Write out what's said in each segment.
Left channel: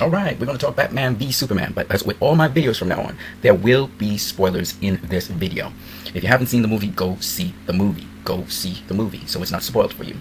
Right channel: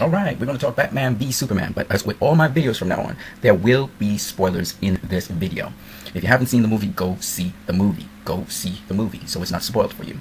Alright, we're going to talk Batman v Superman, but as with all my videos from now on, there will be spoilers in this video. If you haven't seen the movie, go see the movie. Go see the movie, so it's not spoiled for you.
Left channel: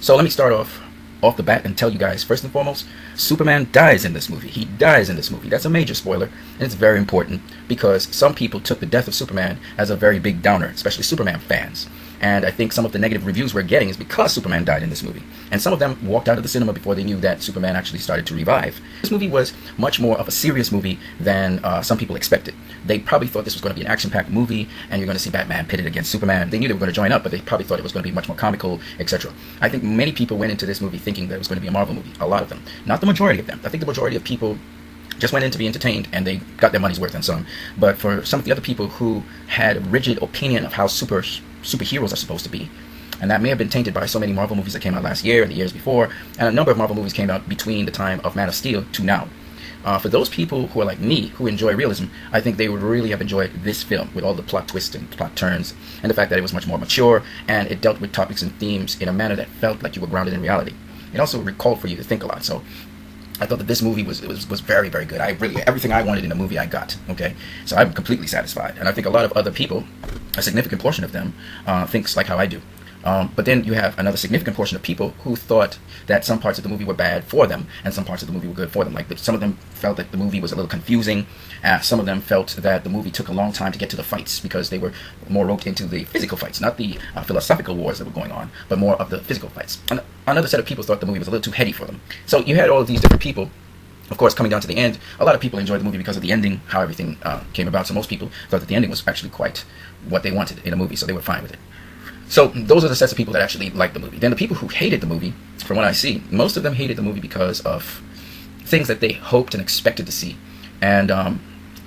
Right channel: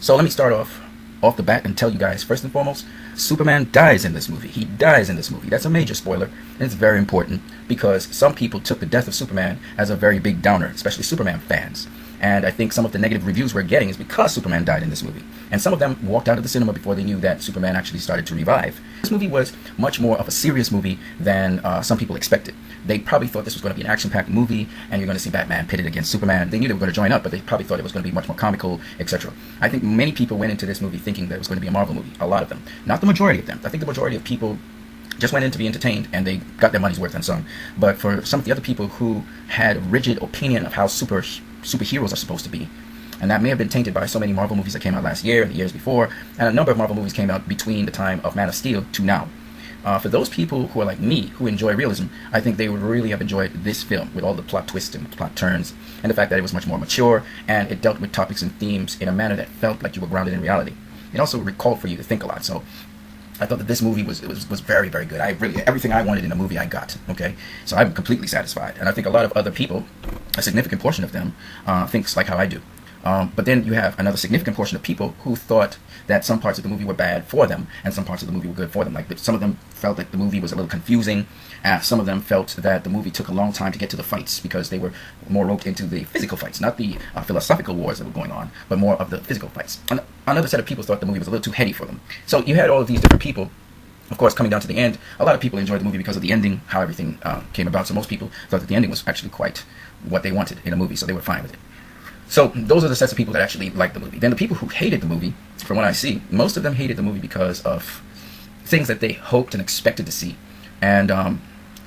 So let me start off the bat and tell you guys, first and foremost, Superman dies in this movie. He dies in this movie. That's a major spoiler, and it's very important because some people took the death of Superman as a very big downer, especially Superman fans. And I think some of the negative reviews we're getting is because Superman died in this movie. And some of them walked out of the cinema before they knew that Superman actually started to revive. This movie was much more of a serious movie than some people expected. They probably thought this was going to be an action-packed movie, and you're going to see Batman pitted against Superman. They knew they were going to join up, but they probably thought it was going to be much more comical, etc. I think many people went into this movie thinking that it was going to be a Marvel movie. A lot of them. Not the majority of them. I think the majority of people just went in to be entertained, and they got their money's worth and some. But for some of the other people who had a rigid opinion of how superheroes are supposed to be, and that may have been tainted by so many Marvel movies that came out last year and the years before, and a number of Marvel movies came out between the time of Man of Steel to now. For those people who are like me, who enjoy realism, I think they would really have enjoyed this film with all the plot twists and plot turns, and the fact that it was much more mature, and it dealt with topics and themes in a manner that felt like you were grounded in reality. It also recalled for you to think a lot, so I thought that this movie was very, very good. Everything I wanted in a movie I got, okay? So I'm completely satisfied. And I think a lot of other people, a significant portion of them, thinks like how I do. But then you have another significant portion of people who thought that some parts of the movie were bad for them, and some parts of the movie were good for them. Like some of them felt that the movie was a little confusing, and some of them felt that the movie took a long time to get to the fights because they were more roped into the physical fights, not the philosophical wars that were going on, but more of the physical fights. And another set of people thought the movie was a little too heady for them. So you had all of these different people. Of course, coming down to the end, a lot of people enjoyed the movie because of the ending, how everything came about. So most people thought that the ending was actually quite what they wanted in a movie, so they were fine with it. So those are the sets of people that actually liked the movie. Then the people who hated the movie, from what I see, most of them hated the movie because of things that they hoped and expected to see. And,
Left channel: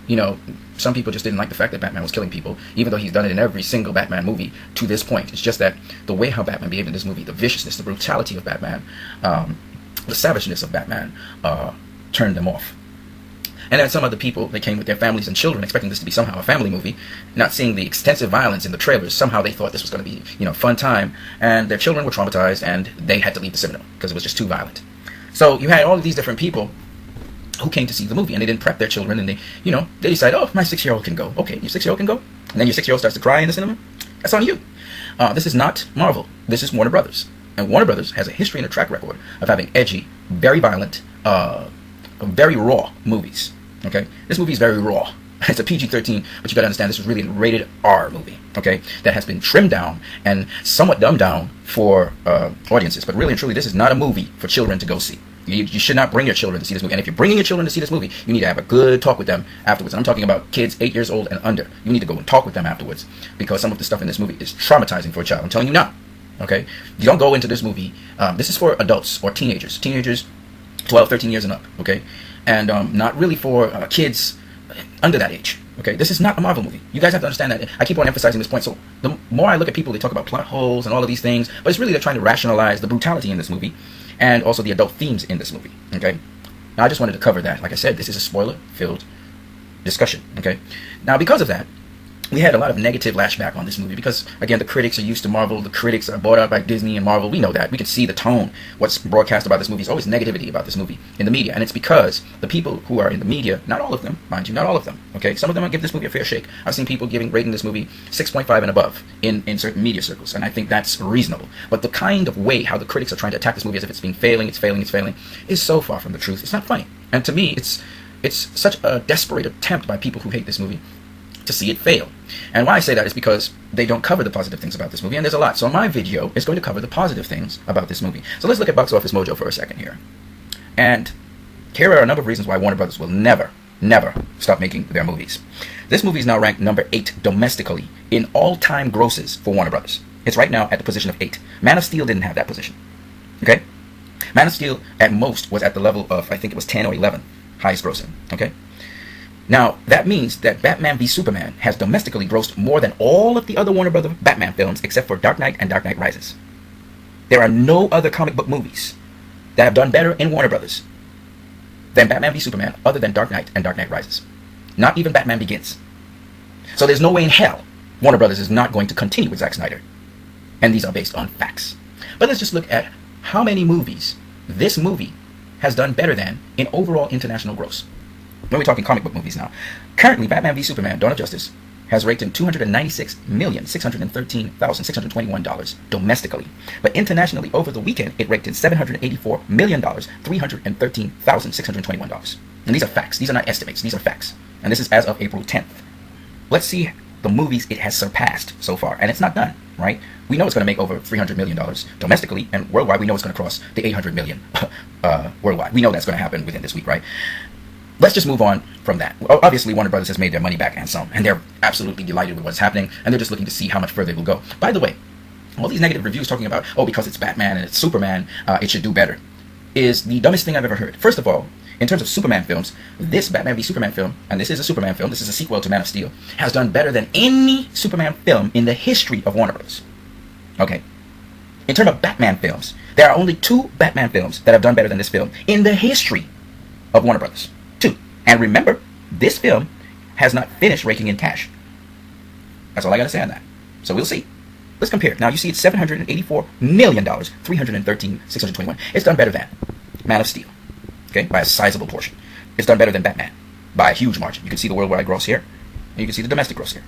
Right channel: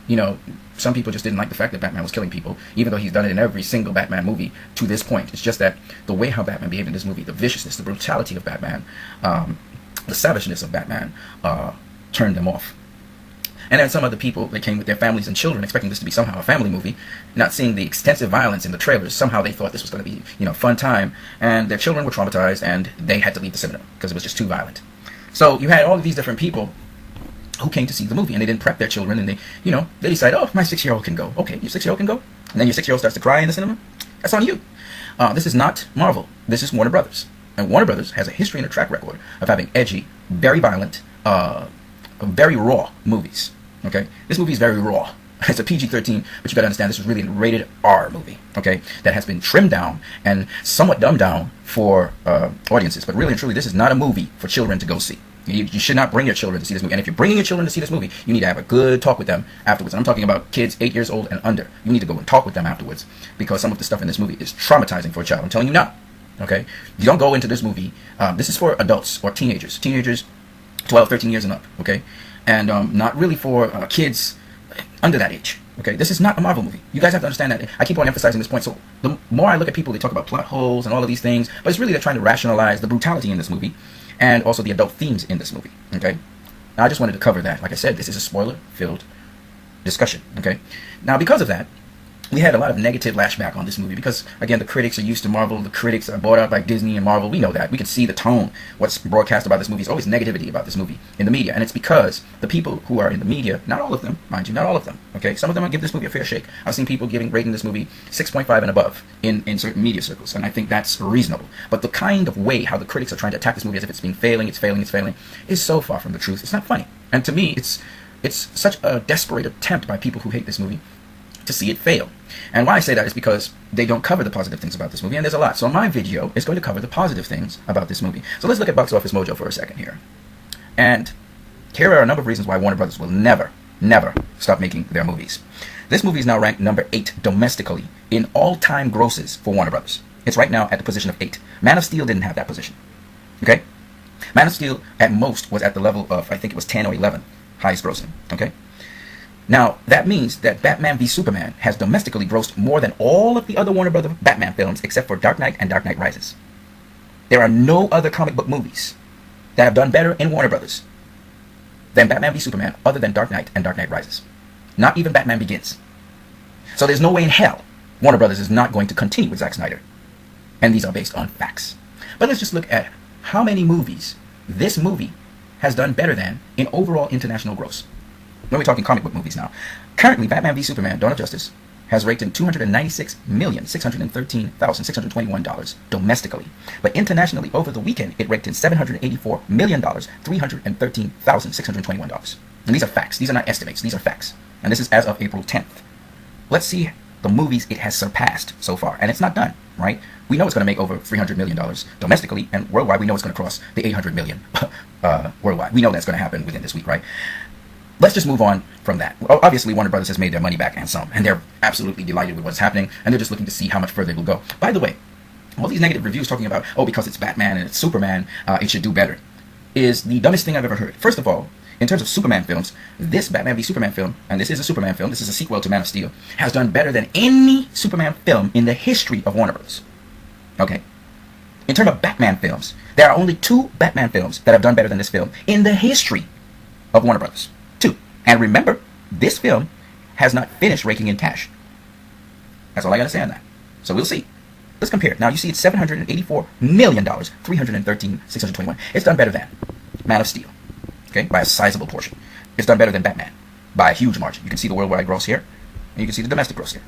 you know, some people just didn't like the fact that Batman was killing people, even though he's done it in every single Batman movie to this point. It's just that the way how Batman behaved in this movie, the viciousness, the brutality of Batman, the savageness of Batman, turned them off. And then some other people, they came with their families and children, expecting this to be somehow a family movie, not seeing the extensive violence in the trailers. Somehow they thought this was going to be, fun time, and their children were traumatized, and they had to leave the cinema because it was just too violent. So you had all of these different people who came to see the movie, and they didn't prep their children, and they decided, oh, my 6-year-old can go. Okay, your 6-year-old can go, and then your 6-year-old starts to cry in the cinema. That's on you. This is not Marvel. This is Warner Brothers, and Warner Brothers has a history and a track record of having edgy, very violent, very raw movies. Okay, this movie is very raw. It's a PG-13, but you gotta understand this is really a rated R movie. Okay, that has been trimmed down and somewhat dumbed down for audiences. But really and truly, this is not a movie for children to go see. You should not bring your children to see this movie. And if you're bringing your children to see this movie, you need to have a good talk with them afterwards. And I'm talking about kids 8 years old and under. You need to go and talk with them afterwards because some of the stuff in this movie is traumatizing for a child. I'm telling you now. Okay, you don't go into this movie. This is for adults or teenagers. Teenagers 12, 13 years and up. Okay. And not really for kids under that age. Okay, this is not a Marvel movie. You guys have to understand that. I keep on emphasizing this point. So the more I look at people, they talk about plot holes and all of these things, but it's really they're trying to rationalize the brutality in this movie and also the adult themes in this movie. Okay, I just wanted to cover that. Like I said, this is a spoiler-filled discussion. Okay, now because of that, we had a lot of negative lashback on this movie because, again, the critics are used to Marvel. The critics are bought out by Disney and Marvel. We know that. We can see the tone. What's broadcast about this movie is always negativity about this movie in the media. And it's because the people who are in the media, not all of them, mind you, not all of them, okay? Some of them will give this movie a fair shake. I've seen people rating this movie 6.5 and above in certain media circles, and I think that's reasonable. But the kind of way how the critics are trying to attack this movie as if it's failing, is so far from the truth. It's not funny. And to me, it's such a desperate attempt by people who hate this movie to see it fail. And why I say that is because they don't cover the positive things about this movie, and there's a lot. So my video is going to cover the positive things about this movie. So let's look at Box Office Mojo for a second here. And here are a number of reasons why Warner Brothers will never stop making their movies. This movie is now ranked number 8 domestically in all-time grosses for Warner Brothers. It's right now at the position of 8. Man of Steel didn't have that position. Okay? Man of Steel at most was at the level of, I think it was 10 or 11, highest grossing. Okay? Now, that means that Batman v Superman has domestically grossed more than all of the other Warner Brothers Batman films except for Dark Knight and Dark Knight Rises. There are no other comic book movies that have done better in Warner Brothers than Batman v Superman other than Dark Knight and Dark Knight Rises. Not even Batman Begins. So there's no way in hell Warner Brothers is not going to continue with Zack Snyder. And these are based on facts. But let's just look at how many movies this movie has done better than in overall international gross. When we're talking comic book movies now, currently Batman v Superman: Dawn of Justice has raked in $296,613,621 domestically. But internationally, over the weekend, it raked in $784,313,621. And these are facts. These are not estimates. These are facts. And this is as of April 10th. Let's see the movies it has surpassed so far. And it's not done, right? We know it's going to make over $300 million domestically, and worldwide, we know it's going to cross the $800 million worldwide. We know that's going to happen within this week, right? Let's just move on from that. Well, obviously, Warner Brothers has made their money back and some, and they're absolutely delighted with what's happening, and they're just looking to see how much further it will go. By the way, all these negative reviews talking about, oh, because it's Batman and it's Superman, it should do better, is the dumbest thing I've ever heard. First of all, in terms of Superman films, this Batman v Superman film, and this is a Superman film, this is a sequel to Man of Steel, has done better than any Superman film in the history of Warner Brothers. Okay? In terms of Batman films, there are only 2 Batman films that have done better than this film in the history of Warner Brothers. 2. And remember, this film has not finished raking in cash. That's all I got to say on that. So we'll see. Let's compare. Now you see it's $784 million, $313,621. It's done better than Man of Steel, okay, by a sizable portion. It's done better than Batman by a huge margin. You can see the worldwide gross here, and you can see the domestic gross here.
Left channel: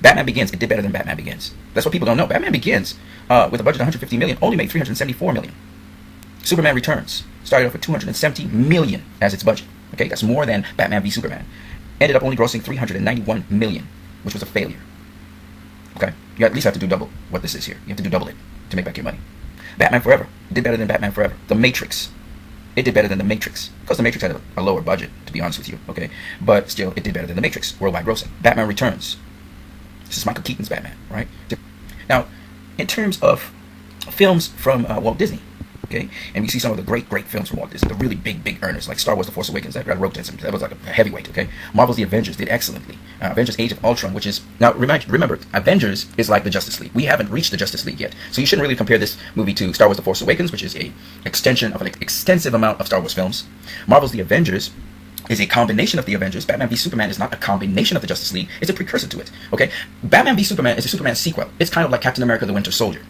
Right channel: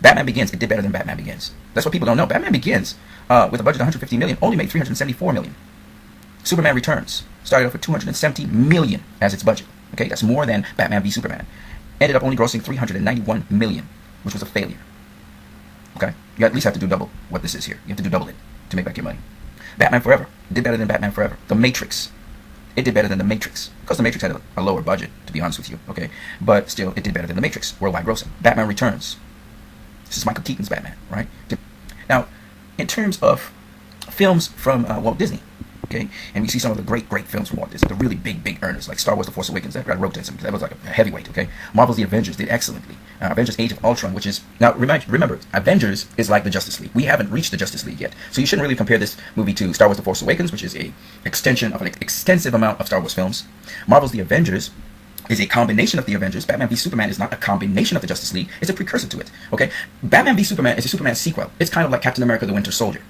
Batman Begins, it did better than Batman Begins. That's what people don't know. Batman Begins, with a budget of $150 million, only made $374 million. Superman Returns started off with $270 million as its budget. Okay, that's more than Batman v Superman. Ended up only grossing $391 million, which was a failure. Okay, you at least have to do double what this is here. You have to do double it to make back your money. Batman Forever did better than Batman Forever. The Matrix, it did better than The Matrix, because The Matrix had a lower budget, to be honest with you, okay? But still, it did better than The Matrix, worldwide grossing. Batman Returns, this is Michael Keaton's Batman, right? Now, in terms of films from Walt Disney, okay, and we see some of the great films from Walt Disney, the really big earners, like Star Wars: The Force Awakens, that wrote in some, that was like a heavyweight, okay? Marvel's The Avengers did excellently. Avengers: Age of Ultron, which is, now remember, Avengers is like the Justice League. We haven't reached the Justice League yet, so you shouldn't really compare this movie to Star Wars: The Force Awakens, which is a extension of an extensive amount of Star Wars films. Marvel's The Avengers is a combination of the Avengers. Batman v Superman is not a combination of the Justice League, it's a precursor to it, okay? Batman v Superman is a Superman sequel. It's kind of like Captain America: The Winter Soldier,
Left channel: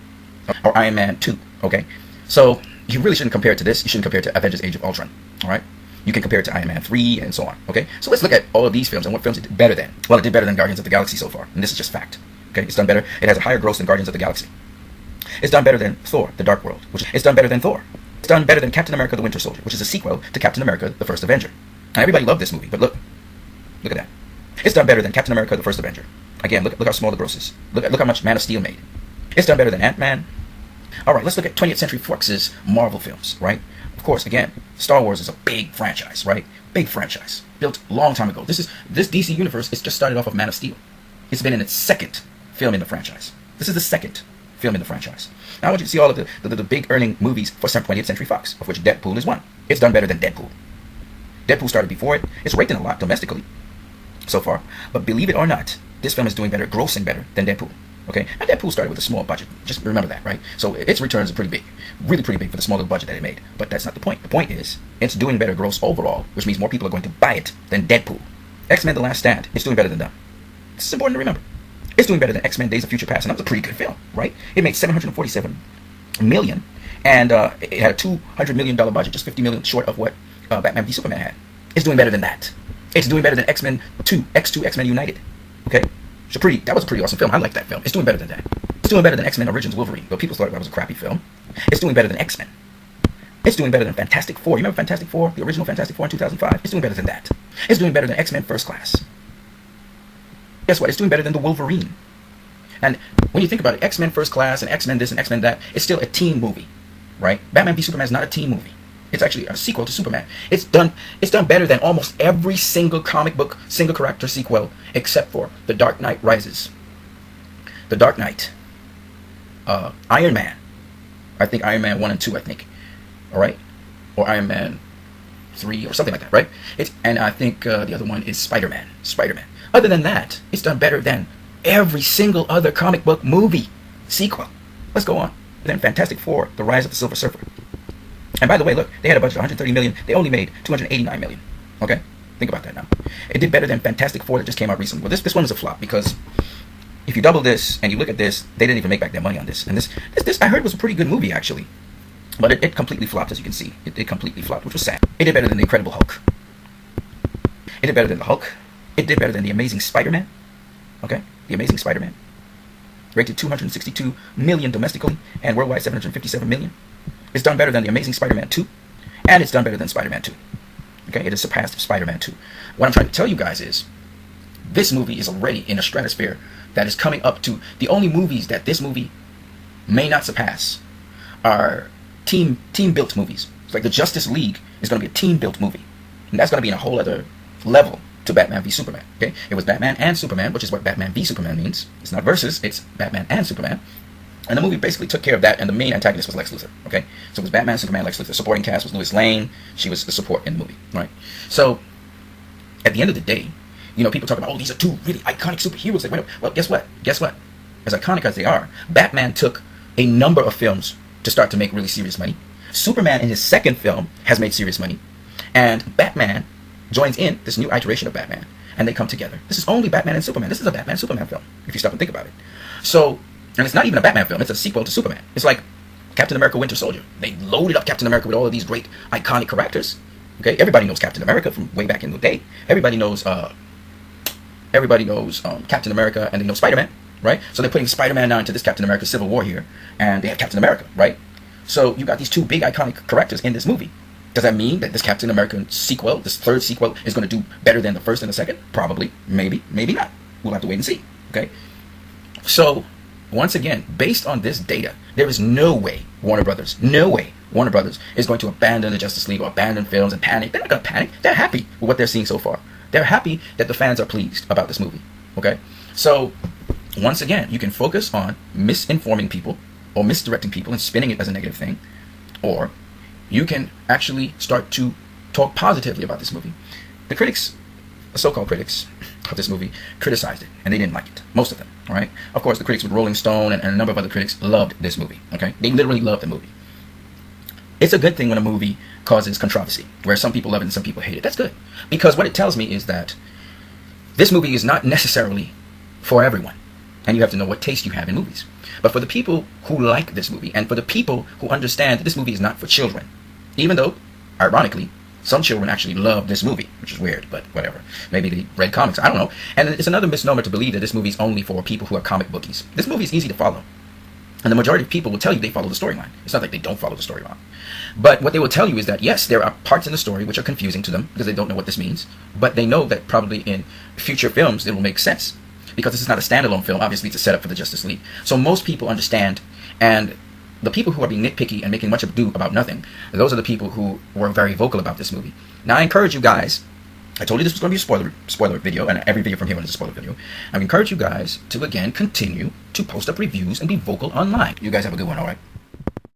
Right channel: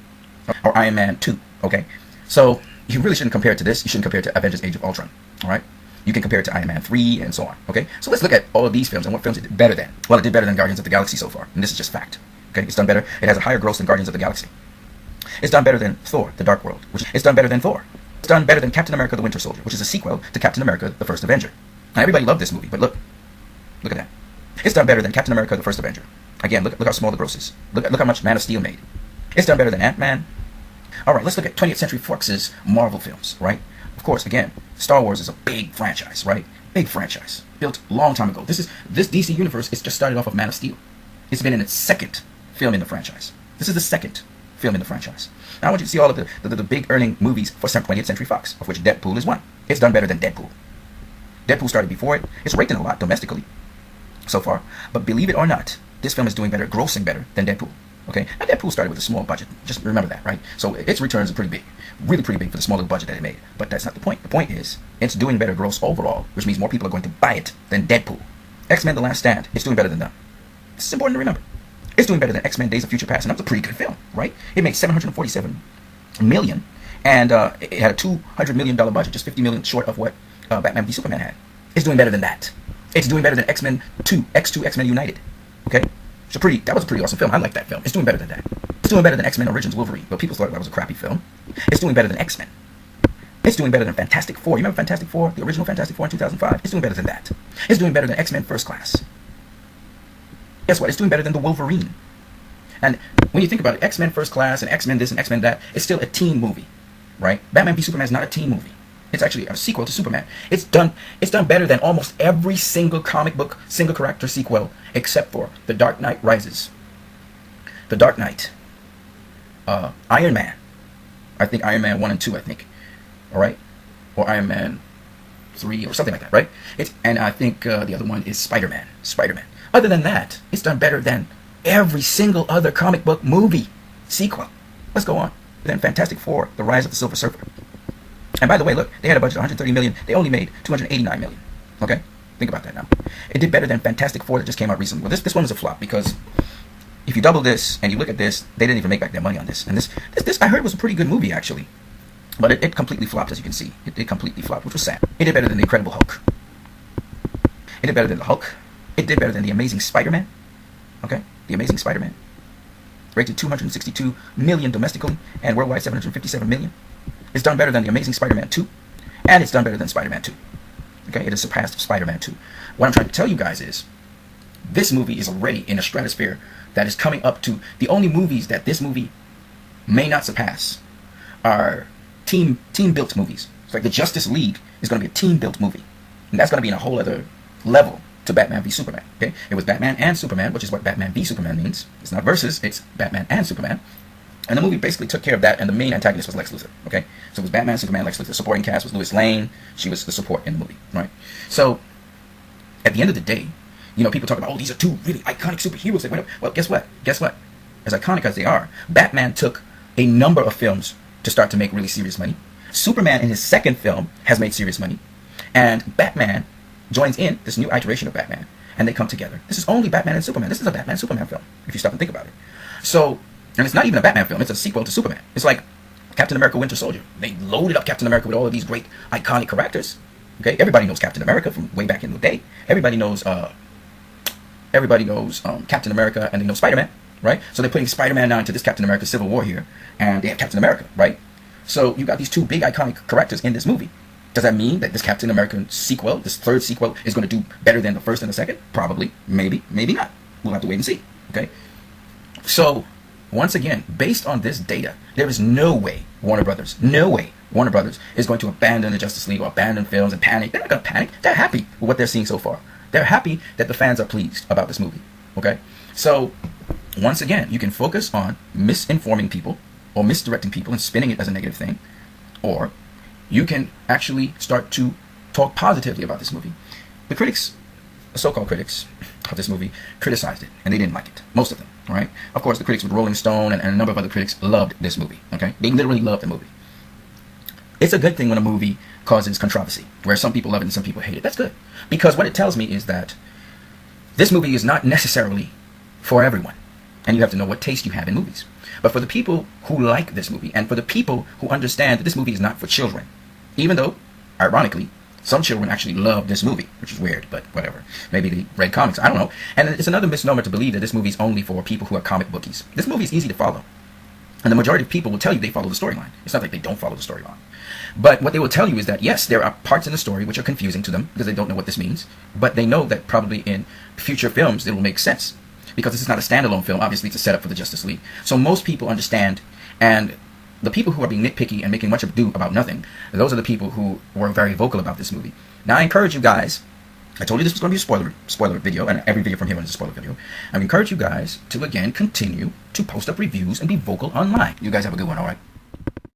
or Iron Man 2, okay? So you really shouldn't compare it to this. You shouldn't compare it to Avengers: Age of Ultron, all right? You can compare it to Iron Man 3 and so on, okay? So let's look at all of these films and what films it did better than. Well, it did better than Guardians of the Galaxy so far, and this is just fact, okay? It's done better. It has a higher gross than Guardians of the Galaxy. It's done better than Thor: The Dark World, which it's done better than Thor. It's done better than Captain America: The Winter Soldier, which is a sequel to Captain America: The First Avenger. Now, everybody loved this movie, but look at that. It's done better than Captain America: The First Avenger. Again, look how small the gross is. Look how much Man of Steel made. It's done better than Ant-Man. All right, let's look at 20th Century Fox's Marvel films, right? Of course, again, Star Wars is a big franchise, right? Big franchise. Built a long time ago. This DC universe is just started off of Man of Steel. It's been in its 2nd film in the franchise. This is the 2nd film in the franchise. Now I want you to see all of the big earning movies for 20th Century Fox, of which Deadpool is one. It's done better than Deadpool. Deadpool started before it. It's rated a lot domestically so far. But believe it or not, this film is doing better, grossing better than Deadpool. Okay? And Deadpool started with a small budget. Just remember that, right? So its returns are pretty big. Really pretty big for the small little budget that it made. But that's not the point. The point is, it's doing better gross overall, which means more people are going to buy it than Deadpool. X-Men: The Last Stand, it's doing better than them. It's important to remember. It's doing better than X-Men: Days of Future Past, and that was a pretty good film, right? It made $747 million, and it had a $200 million budget, just $50 million short of what Batman v Superman had. It's doing better than that. It's doing better than X-Men 2, X2, X-Men United. Okay? That was a pretty awesome film. I like that film. It's doing better than that. It's doing better than X-Men Origins Wolverine, but people thought that was a crappy film. It's doing better than X-Men. It's doing better than Fantastic Four. You remember Fantastic Four? The original Fantastic Four in 2005? It's doing better than that. It's doing better than X-Men First Class. Guess what? It's doing better than the Wolverine. And when you think about it, X-Men First Class and X-Men this and X-Men that, it's still a teen movie, right? Batman v Superman is not a teen movie. It's actually a sequel to Superman. It's done better than almost every single comic book, single character sequel, except for The Dark Knight Rises. The Dark Knight. Iron Man. I think Iron Man 1 and 2, I think. All right? Or Iron Man 3 or something like that, right? And I think the other one is Spider-Man. Other than that, it's done better than every single other comic book movie sequel. Let's go on. Then Fantastic Four, The Rise of the Silver Surfer. And by the way, look, they had a budget of $130 million. They only made $289 million. Okay? Think about that now. It did better than Fantastic Four that just came out recently. Well, this one was a flop because if you double this and you look at this, they didn't even make back their money on this. And this I heard was a pretty good movie, actually. But it completely flopped, as you can see. It completely flopped, which was sad. It did better than the Incredible Hulk. It did better than the Hulk. It did better than the Amazing Spider-Man. Okay, the Amazing Spider-Man. Rated 262 million domestically and worldwide 757 million. It's done better than the Amazing Spider-Man 2, and it's done better than Spider-Man 2. Okay, it has surpassed Spider-Man 2. What I'm trying to tell you guys is, this movie is already in a stratosphere that is coming up to the only movies that this movie may not surpass are team-built movies. It's like the Justice League is going to be a team-built movie, and that's going to be in a whole other level to Batman v Superman. Okay, it was Batman and Superman, which is what Batman v Superman means. It's not versus, it's Batman and Superman. And the movie basically took care of that, and the main antagonist was Lex Luthor. Okay, so it was Batman, Superman, Lex Luthor. Supporting cast was Lois Lane. She was the support in the movie. Right. So at the end of the day, you know, people talk about, oh, these are two really iconic superheroes. Well, guess what? Guess what? As iconic as they are, Batman took a number of films to start to make really serious money. Superman in his second film has made serious money, and Batman joins in this new iteration of Batman, and they come together. This is only Batman and Superman. This is a Batman and Superman film, if you stop and think about it. So, and it's not even a Batman film, it's a sequel to Superman. It's like Captain America Winter Soldier. They loaded up Captain America with all of these great iconic characters. Okay, everybody knows Captain America from way back in the day. Everybody knows Captain America, and they know Spider-Man, right? So they're putting Spider-Man now into this Captain America Civil War here, and they have Captain America, right? So you got these two big iconic characters in this movie. Does that mean that this Captain America sequel, this third sequel, is going to do better than the first and the second? Probably. Maybe. Maybe not. We'll have to wait and see. Okay? So, once again, based on this data, there is no way Warner Brothers is going to abandon the Justice League or abandon films and panic. They're not going to panic. They're happy with what they're seeing so far. They're happy that the fans are pleased about this movie. Okay? So, once again, you can focus on misinforming people or misdirecting people and spinning it as a negative thing, or you can actually start to talk positively about this movie. The critics, the so-called critics of this movie, criticized it, and they didn't like it. Most of them, all right? Of course, the critics with Rolling Stone and a number of other critics loved this movie, okay? They literally loved the movie. It's a good thing when a movie causes controversy, where some people love it and some people hate it. That's good, because what it tells me is that this movie is not necessarily for everyone, and you have to know what taste you have in movies. But for the people who like this movie, and for the people who understand that this movie is not for children, even though, ironically, some children actually love this movie, which is weird, but whatever. Maybe they read comics, I don't know. And it's another misnomer to believe that this movie is only for people who are comic bookies. This movie is easy to follow, and the majority of people will tell you they follow the storyline. It's not like they don't follow the storyline. But what they will tell you is that, yes, there are parts in the story which are confusing to them, because they don't know what this means, but they know that probably in future films it will make sense. Because this is not a standalone film, obviously it's a setup for the Justice League. So most people understand, and the people who are being nitpicky and making much ado about nothing, those are the people who were very vocal about this movie. Now I encourage you guys, I told you this was going to be a spoiler video, and every video from here on is a spoiler video. I encourage you guys to again continue to post up reviews and be vocal online. You guys have a good one, alright?